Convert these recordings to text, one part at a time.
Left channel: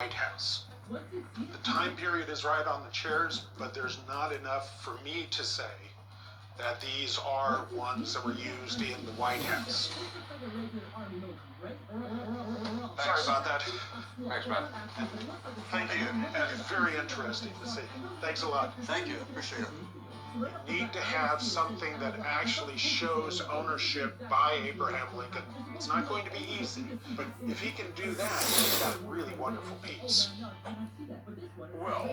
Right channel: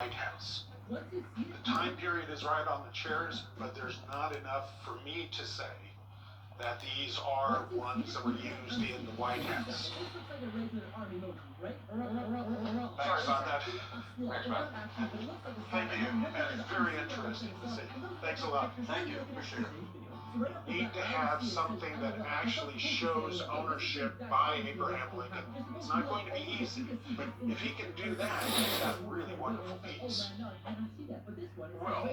White House. The time period is right on the chairs, but there's not enough for me to say that these are ones that were used in the White House. Sorry about that. Thanks, man. Thank you. It's very interesting to see. Thanks a lot. Thank you. Appreciate it. Need to have something that actually shows ownership by Abraham Lincoln. It's not going to be easy, but if he can do that, he's got a really wonderful piece. Well,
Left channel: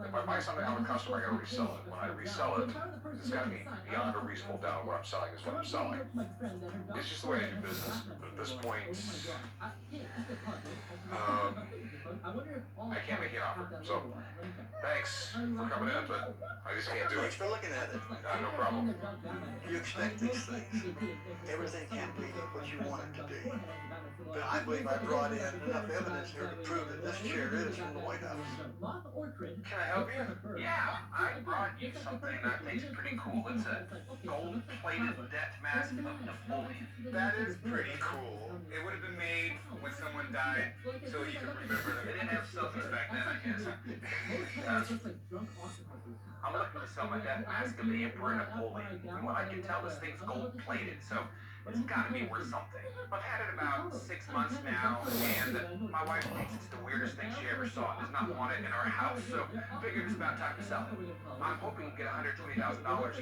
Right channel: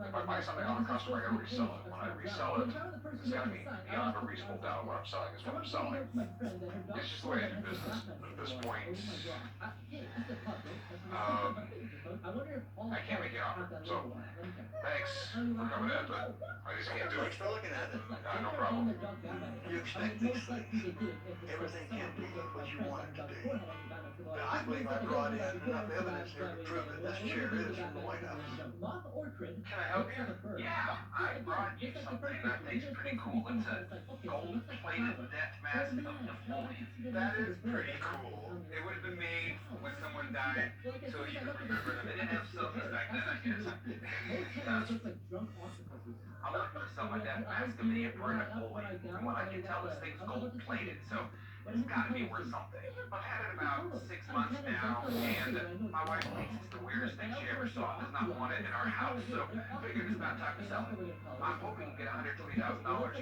if I buy something on a customer, I gotta resell it. When I resell it, it's gotta be beyond a reasonable doubt what I'm selling is what I'm selling. It's just the way I do business. At this point, I can't make an offer. So, thanks for coming in, but I just can't do it. Thanks for looking at it. No problem. You expect these things. Everything can't be what you want it to be. But I believe I brought in enough evidence here to prove that this chair is from the White House. Can I help you? Yeah, I brought you something that I think is pretty cool. It's a gold-plated death mask of Napoleon. That is pretty cool. It would have been made when someone died, so you could remember them. They didn't have selfies back then, I guess. I'm looking to sell my death mask of the Emperor Napoleon. From what I can tell, this thing's gold-plated, so it's gotta be worth something. I've had it about 6 months now, and my wife thinks it's the weirdest thing she ever saw. Does not want it in our house, so I figured it's about time to sell it. I'm hoping to get $120,000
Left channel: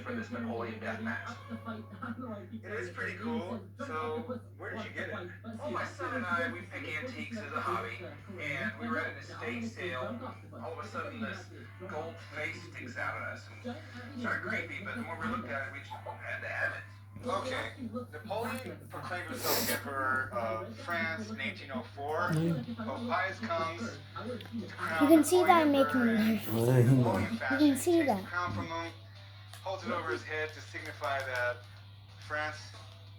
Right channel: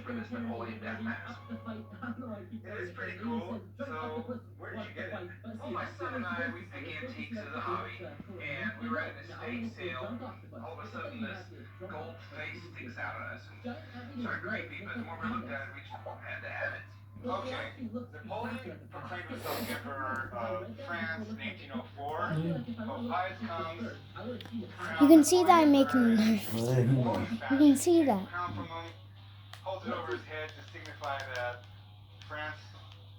for this Napoleon death mask. It is pretty cool. So, where did you get it? Well, my son and I, we pick antiques as a hobby, and we were at an estate sale. All of a sudden, this gold face sticks out at us, and it's sort of creepy, but the more we looked at it, we just had to have it. Okay. Napoleon proclaimed himself Emperor of France in 1804. Pius comes You can see that I'm making him nervous. You can see that. Crown from him, holds it over his head to signify that France,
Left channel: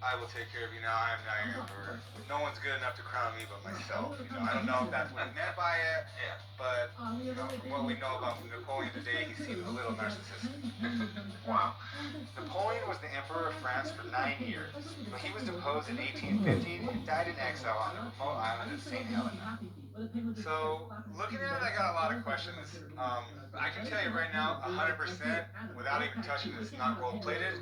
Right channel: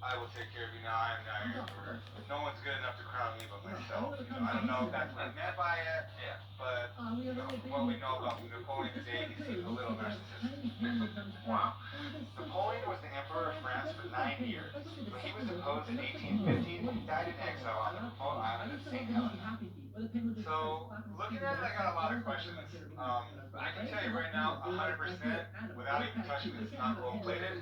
I will take care of you now. I am now your emperor. No one's good enough to crown me but myself. I don't know if that's what he meant by it, but from what we know about Napoleon today, he seems a little narcissistic. Wow. Napoleon was the emperor of France for 9 years. When he was deposed in 1815, he died in exile on the remote island of St. Helena. So, looking at it, I got a lot of questions. I can tell you right now, 100%, without even touching this, not gold-plated,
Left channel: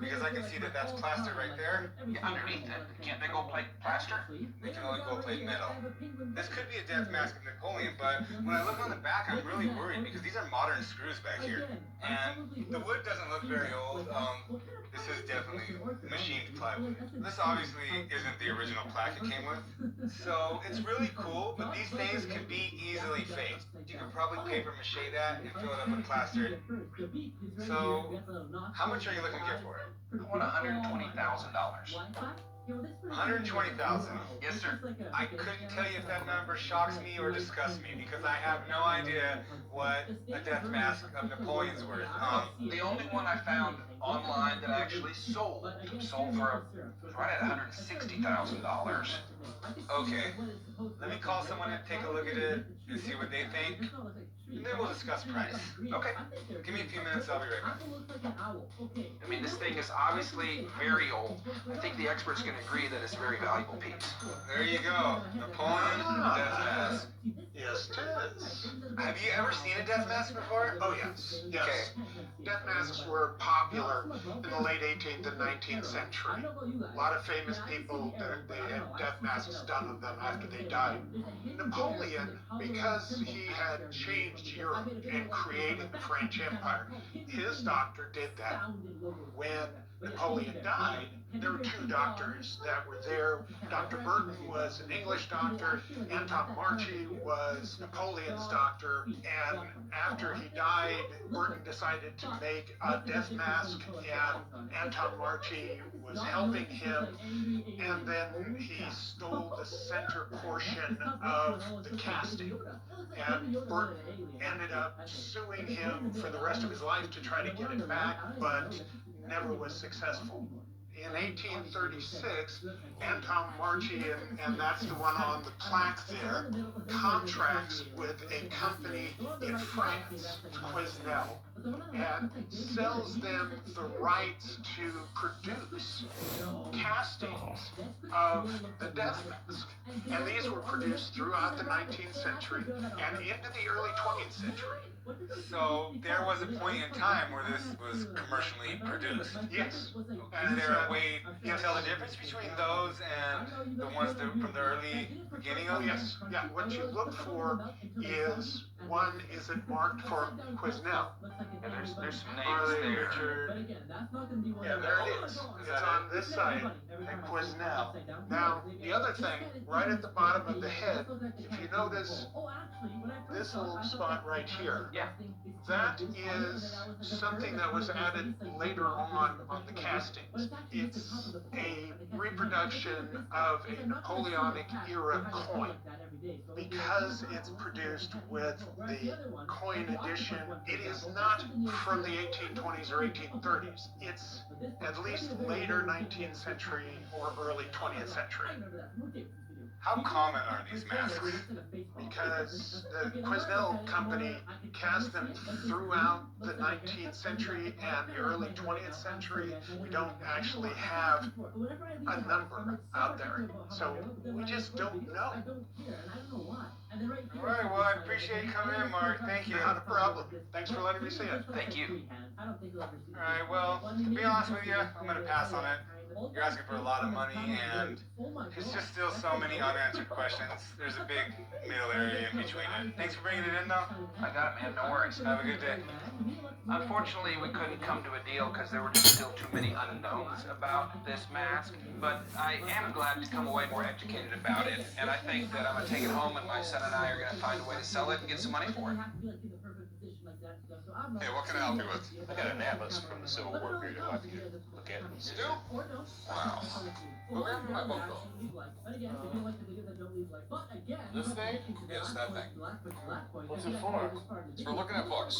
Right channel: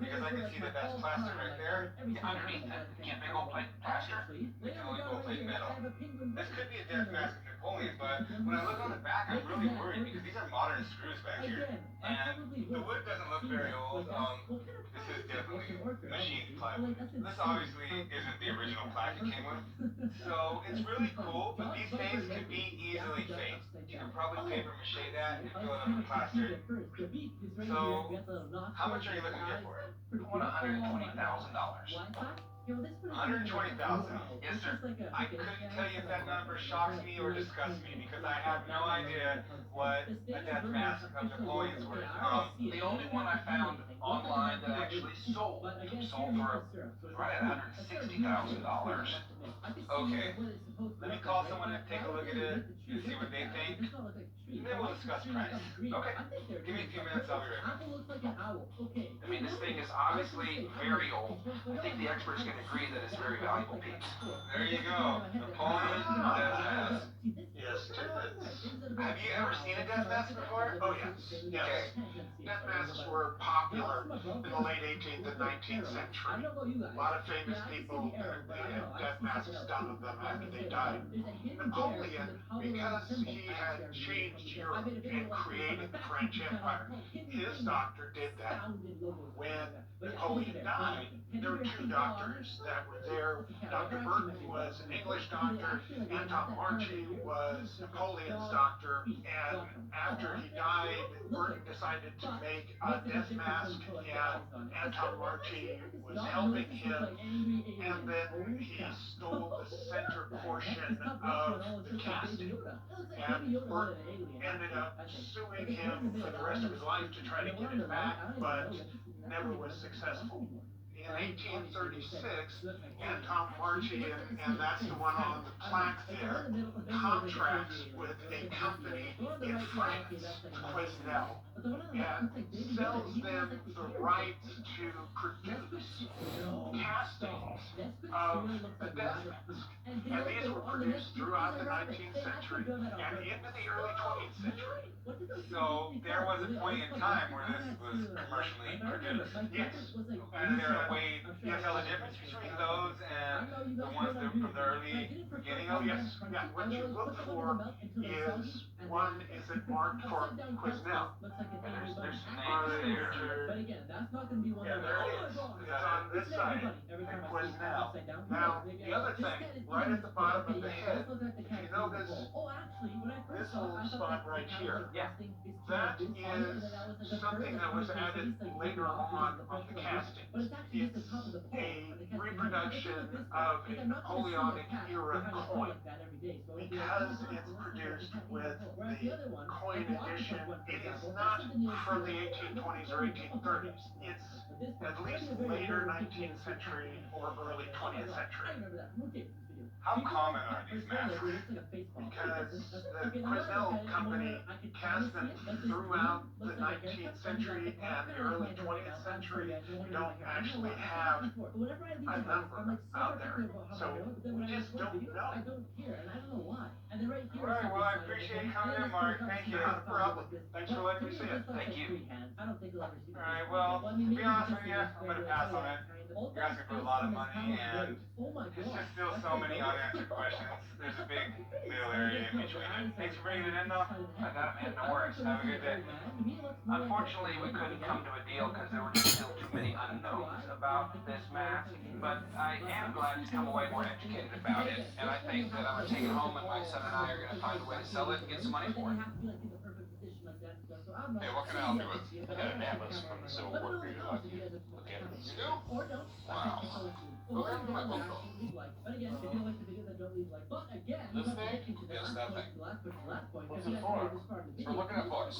because I can see that that's plaster right there. Underneath it, can't they gold plate plaster? They can only gold-plate metal. This could be a death mask of Napoleon, but when I look on the back, I'm really worried because these are modern screws back here, and the wood doesn't look very old. This is definitely machined plywood. This obviously isn't the original plaque it came with, so it's really cool, but these things can be easily faked. You can probably paper mache that and fill it up with plaster. So, how much are you looking here for? I want $120,000. 120,000. Yes, sir. I couldn't tell you if that number shocks me or disgusts me because I have no idea what a death mask of Napoleon's worth. The only one I found online that actually sold for right at $160,000. Okay, let me call someone and take a look at it and see what they think, and then we'll discuss price. Okay. Give me a few minutes, I'll be right back. I mean, this thing is obviously very old. I think the experts can agree that it's a very valuable piece. There you go, Napoleon death mask. Yes, it is. Have you ever seen a death mask before? Oh yes, yes. Death masks were popular in the late 18th and 19th century. A lot of famous people, they had death masks done of them after they died. Napoleon, because he had changed Europe and created the French Empire, his doctor did that. When Napoleon died, there were two doctors that were there. Dr. Burton was an English doctor, Anton Marchi was Napoleon's doctor, and after he died, Burton decided to make a death mask, and Anton Marchi was helping him, and then he stole the center portion of the casting, and Burton ended up suing him for the rest of his life to try to get it back, but never was successful. in 1836, Anton Marchi, and that's the one on the plaque there, contracts with a company in France, Quesnel, and sells them the rights to produce castings of a death mask. And these were produced throughout the 19th century and into the early 20th century. So there was a point in time where this was commercially produced. Yes. Is there a way to tell the difference between those and the ones that from the early beginning of Yes, yeah, what you look for is, one, is it marked for Quesnel? And there's some names there. Yeah, there it is. It's on this side, and Quesnel. Now, the other thing, right at the bottom of the head, if you notice this little spot right here, Yeah. that is something that was added later on the castings. It's a reproduction of a Napoleonic era coin. Because it's produced with the coin edition, it is not from the 1820s or 1830s. It's at least later 19th century or early 20th century. How common are these masks? Because the Quesnel company cast them throughout the 19th century and the early 20th century. We don't actually have a number out there, so we just don't know. Alright, well, I appreciate you coming in, Mark. Thank you. Not a problem. Thanks for letting me see it. Thank you. Alright, well, to be honest with you, I'm gonna pass on it. You're asking for a lot of money, and there's just still so many unanswered questions. There's a big middle area in between it. Thanks for bringing it in, though. I got it, man. No worries. Have a good day. Unfortunately, we couldn't come to a deal because there were just still too many unknowns about this mask. But I am glad to come away more educated about it, and I think that I'm gonna take it home, and my son and I are gonna find a way to sell it and get some money for it. Hey, what can I help you with? I got an atlas from the Civil War period I'd like you to look at. You do? Wow. Well, where did my book go? This thing? Yes, that thing. What's it for? It's for looking at books.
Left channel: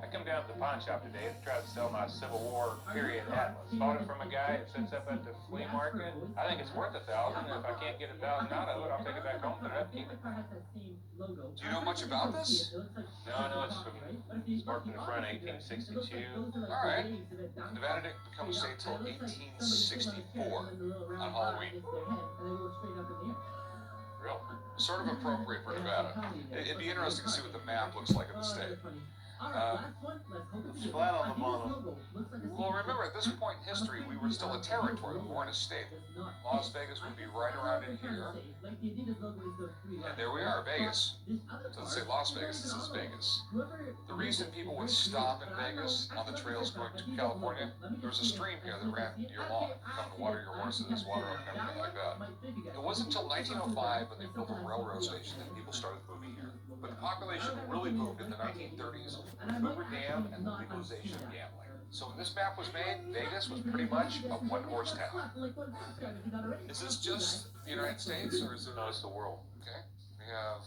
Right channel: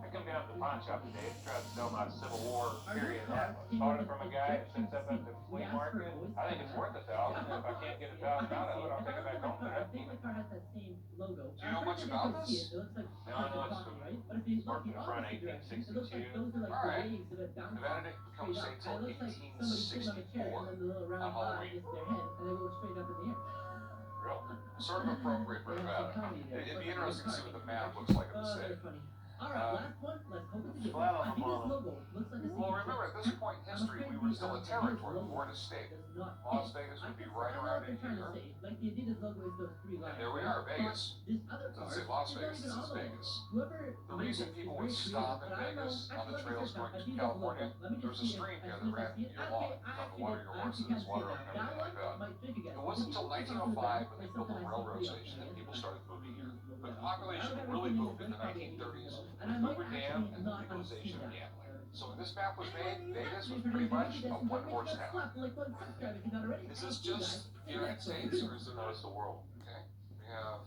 I come down to the pawn shop today to try to sell my Civil War period atlas. Bought it from a guy that sits up at the flea market. I think it's worth $1,000, and if I can't get $1,000 out of it, I'll take it back home and I'll keep it. Do you know much about this? No, I know it's from Spark in the Front, 1862. Alright. Nevada didn't become a state till 1864 on Halloween. Real? Sort of appropriate for Nevada. It'd be interesting to see what the map looks like in the state. It's flat on the model. Well, remember, at this point in history, we were still a territory, we weren't a state. Las Vegas would be right around in here. And there we are, Vegas. It doesn't say Las Vegas, it says Vegas. The reason people would stop in Vegas on the trails going to California, there was a stream here that ran year long, from the water your horses, water and everything like that. It wasn't until 1905 when they built a railroad station that people started moving here. But the population really moved in the 1930s. Hoover Dam and the legalization of gambling. So when this map was made, Vegas was pretty much a one-horse town. Is this just the United States, or is it the rest of the world? Okay, we have